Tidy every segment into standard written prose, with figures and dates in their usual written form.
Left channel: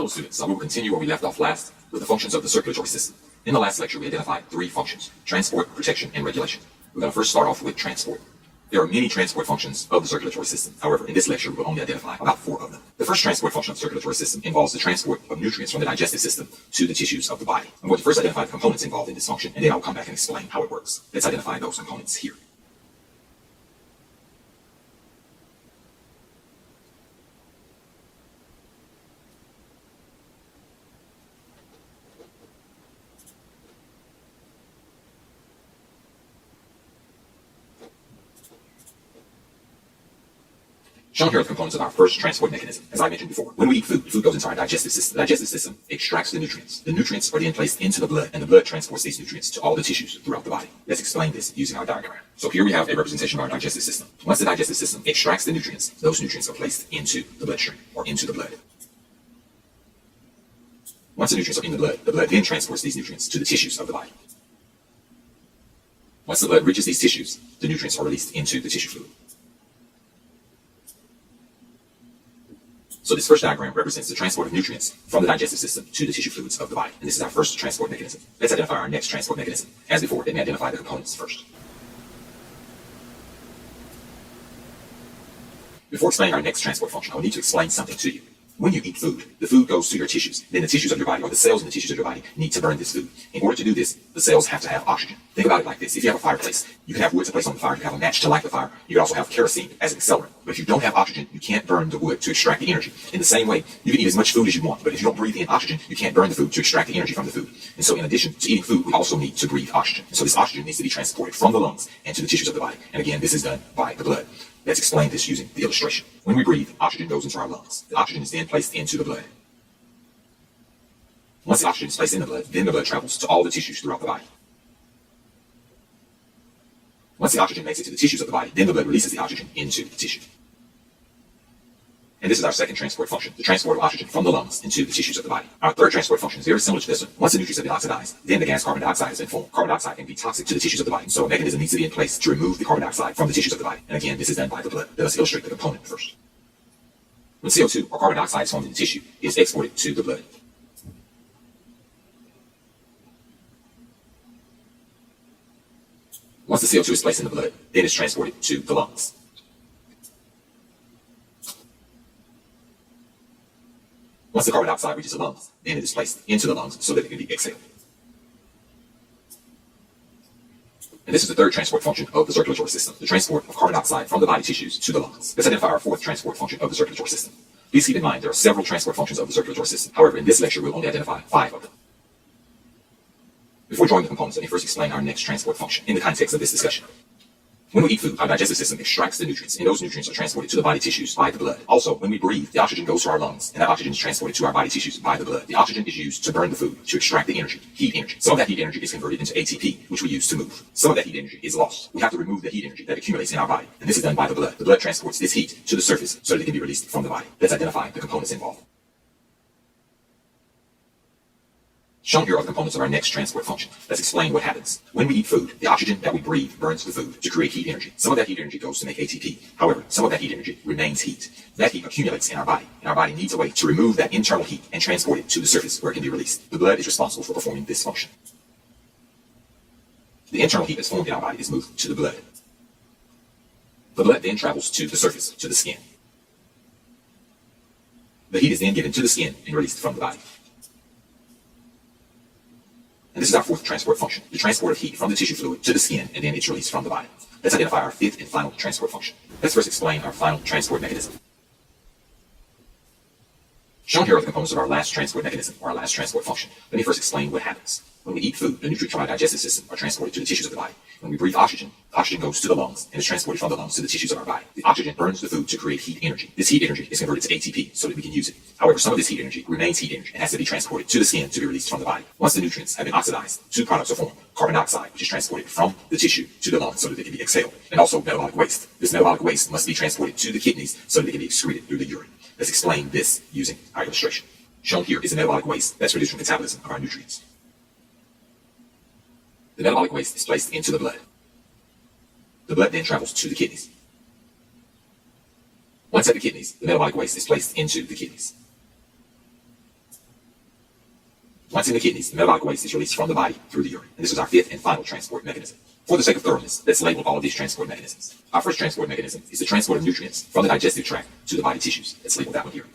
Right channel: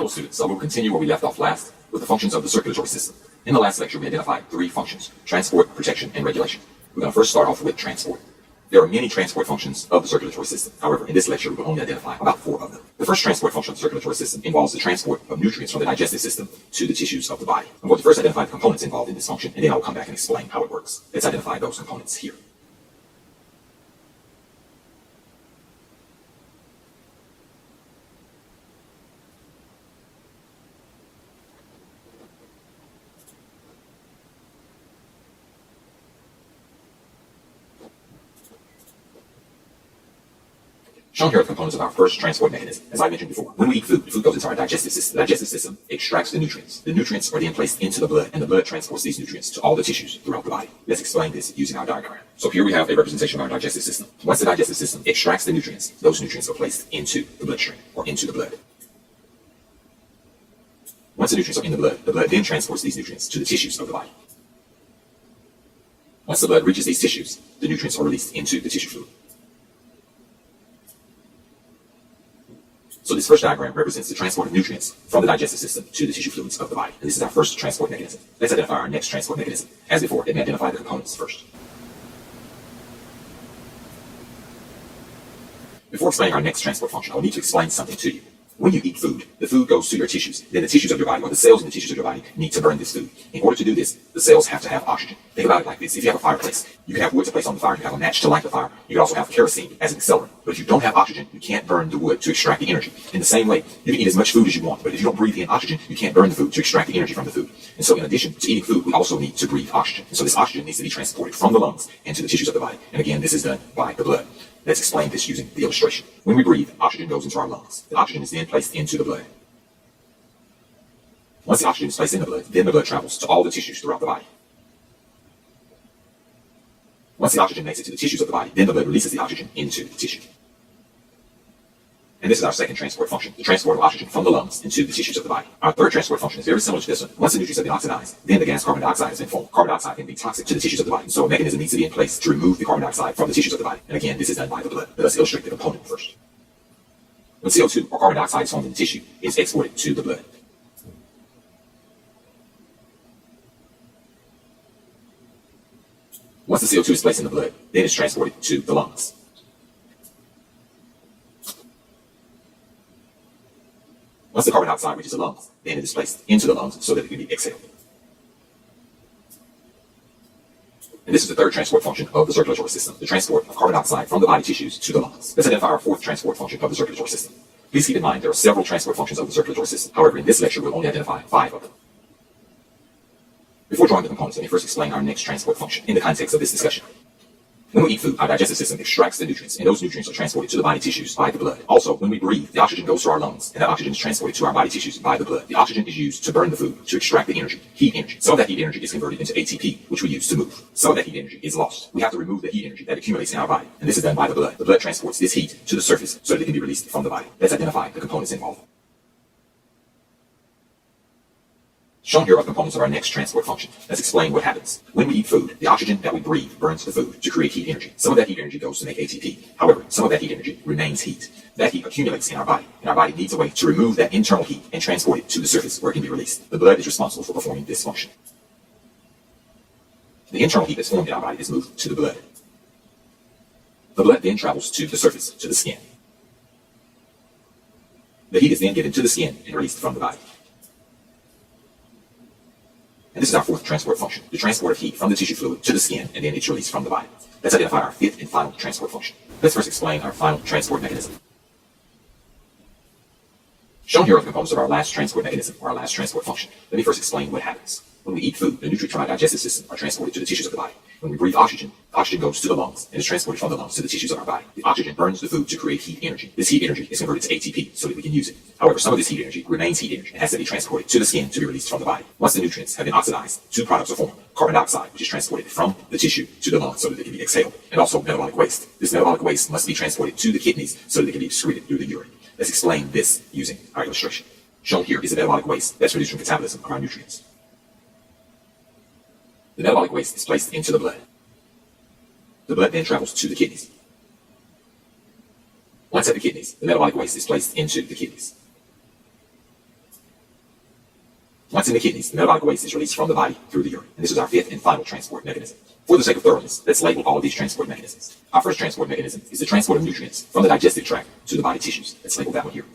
Hello students, so we will continue where we left off last with the functions of the circulatory system. In the last lecture we identified three functions: transport, protection, and regulation. We're going to first start off with transport. There are many transport functions of the circulatory system. However, in this lecture we will only identify about 4 of them. The first transport function of the circulatory system involves the transport of nutrients from the digestive system to the tissues of the body. I'm going to first identify the components involved in this function, and then I will come back and explain how it works. Let's identify those components here. Shown here are the components of our first transport mechanism. As I mentioned before, when we eat food, food goes into our digestive system. The digestive system extracts the nutrients. The nutrients are then placed into the blood, and the blood transports these nutrients to all the tissues throughout the body. Let's explain this using our diagram. So here we have a representation of our digestive system. Once the digestive system extracts the nutrients, those nutrients are placed into the bloodstream, or into the blood. Once the nutrients are in the blood then transports these nutrients to the tissues of the body. Once the blood reaches these tissues, the nutrients are released into the tissue fluid. So this first diagram represents the transport of nutrients from the digestive system to the tissue fluids of the body. And this is our first transport mechanism. Let's identify our next transport mechanism. As before, let me identify the components first. Before explaining our next transport function, I will need to explain something to you. When you eat food, the food goes to your tissues. Then the tissues of your body, or the cells in the tissues of your body, need to burn this food. In order to do this, the cells have to have oxygen. Think about it like this. If you have a fireplace, you can have wood to place on the fire. You have a match to light the fire. You can also have kerosene as an accelerant. But if you don't have oxygen, you can't burn the wood to extract the energy. In the same way, you can eat as much food as you want, but if you don't breathe in oxygen, you can't burn the food to extract the energy from the food. And so in addition to eating food, we also need to breathe oxygen. And so this oxygen needs to be transported from the lungs into the tissues of the body. And again, this is done by the blood. Let's explain this using the illustration. When we breathe, oxygen goes into our lungs. The oxygen is then placed into the blood. Once the oxygen is placed in the blood, then the blood travels to all the tissues throughout the body. Once the oxygen makes it to the tissues of the body, then the blood releases the oxygen into the tissue. And this is our second transport function, the transport of oxygen from the lungs into the tissues of the body. Our third transport function is very similar to this one. Once the nutrients have been oxidized, then the gas carbon dioxide has been formed. Carbon dioxide can be toxic to the tissues of the body. So a mechanism needs to be in place to remove the carbon dioxide from the tissues of the body. And again, this is done by the blood. Let us illustrate the component first. When CO2, or carbon dioxide, is formed in the tissue, it is exported to the blood. Once the CO2 is placed in the blood, then it's transported to the lungs. Once the carbon dioxide reaches the lungs, then it is placed into the lungs so that it can be exhaled. And this is the third transport function of the circulatory system, the transport of carbon dioxide from the body tissues to the lungs. Let's identify our fourth transport function of the circulatory system. Please keep in mind there are several transport functions of the circulatory system. However, in this lecture, we'll only identify 5 of them. Before drawing the components, let me first explain our next transport function in the context of this discussion. When we eat food, our digestive system extracts the nutrients, and those nutrients are transported to the body tissues by the blood. Also, when we breathe, the oxygen goes to our lungs, and that oxygen is transported to our body tissues by the blood. The oxygen is used to burn the food, to extract the energy, heat energy. Some of that heat energy is converted into ATP, which we use to move. Some of that heat energy is lost. We have to remove the heat energy that accumulates in our body, and this is done by the blood. The blood transports this heat to the surface so that it can be released from the body. Let's identify the components involved. Shown here are the components of our next transport function. Let's explain what happens. When we eat food, the oxygen that we breathe burns the food to create heat energy. Some of that heat energy goes to make ATP. However, some of that heat energy remains heat. That heat accumulates in our body, and our body needs a way to remove that internal heat and transport it to the surface where it can be released. The blood is responsible for performing this function. The internal heat that's formed in our body is moved to the blood. The blood then travels to the surface, to the skin. The heat is then given to the skin and released from the body. And this is our fourth transport function, the transport of heat from the tissue fluid to the skin, and then it's released from the body. Let's identify our fifth and final transport function. Let's first explain our final transport mechanism. Shown here are the components of our last transport mechanism, or our last transport function. Let me first explain what happens. When we eat food, the nutrients from our digestive system are transported to the tissues of the body. When we breathe oxygen, the oxygen goes to the lungs and is transported from the lungs to the tissues of our body. The oxygen burns the food to create heat energy. This heat energy is converted to ATP so that we can use it. However, some of this heat energy remains heat energy and has to be transported to the skin to be released from the body. Once the nutrients have been oxidized, 2 products are formed: carbon dioxide, which is transported from the tissue to the lungs so that it can be exhaled, and also metabolic waste. This metabolic waste must be transported to the kidneys so that it can be excreted through the urine. Let's explain this using our illustration. Shown here is the metabolic waste that's produced from metabolism of our nutrients. The metabolic waste is placed into the blood. The blood then travels to the kidneys. Once at the kidneys, the metabolic waste is placed into the kidneys. Once in the kidneys, the metabolic waste is released from the body through the urine. And this is our fifth and final transport mechanism. For the sake of thoroughness, let's label all of these transport mechanisms. Our first transport mechanism is the transport of nutrients from the digestive tract to the body tissues. Let's label that one here.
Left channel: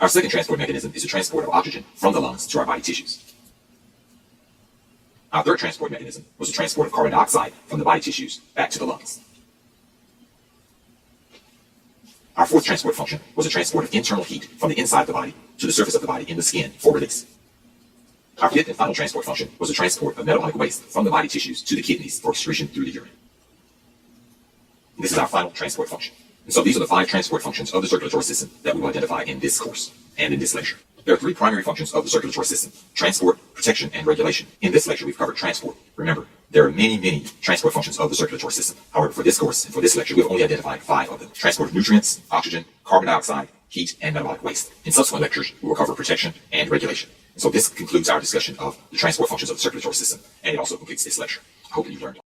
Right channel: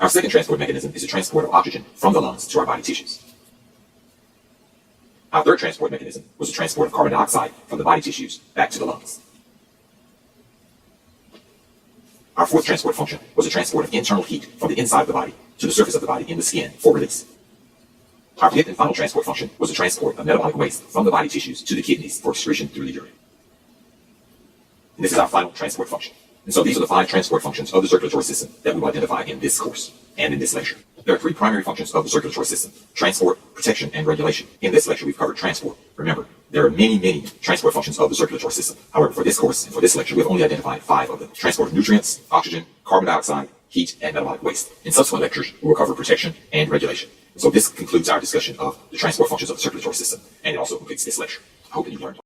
Our second transport mechanism is the transport of oxygen from the lungs to our body tissues. Our third transport mechanism was the transport of carbon dioxide from the body tissues back to the lungs. Our fourth transport function was the transport of internal heat from the inside of the body to the surface of the body in the skin for release. Our fifth and final transport function was the transport of metabolic waste from the body tissues to the kidneys for excretion through the urine. And this is our final transport function. And so these are the 5 transport functions of the circulatory system that we will identify in this course and in this lecture. There are 3 primary functions of the circulatory system: transport, protection, and regulation. In this lecture, we've covered transport. Remember, there are many transport functions of the circulatory system. However, for this course and for this lecture, we've only identified 5 of them: transport of nutrients, oxygen, carbon dioxide, heat, and metabolic waste. In subsequent lectures, we will cover protection and regulation. So this concludes our discussion of the transport functions of the circulatory system, and it also completes this lecture. I hope that you learned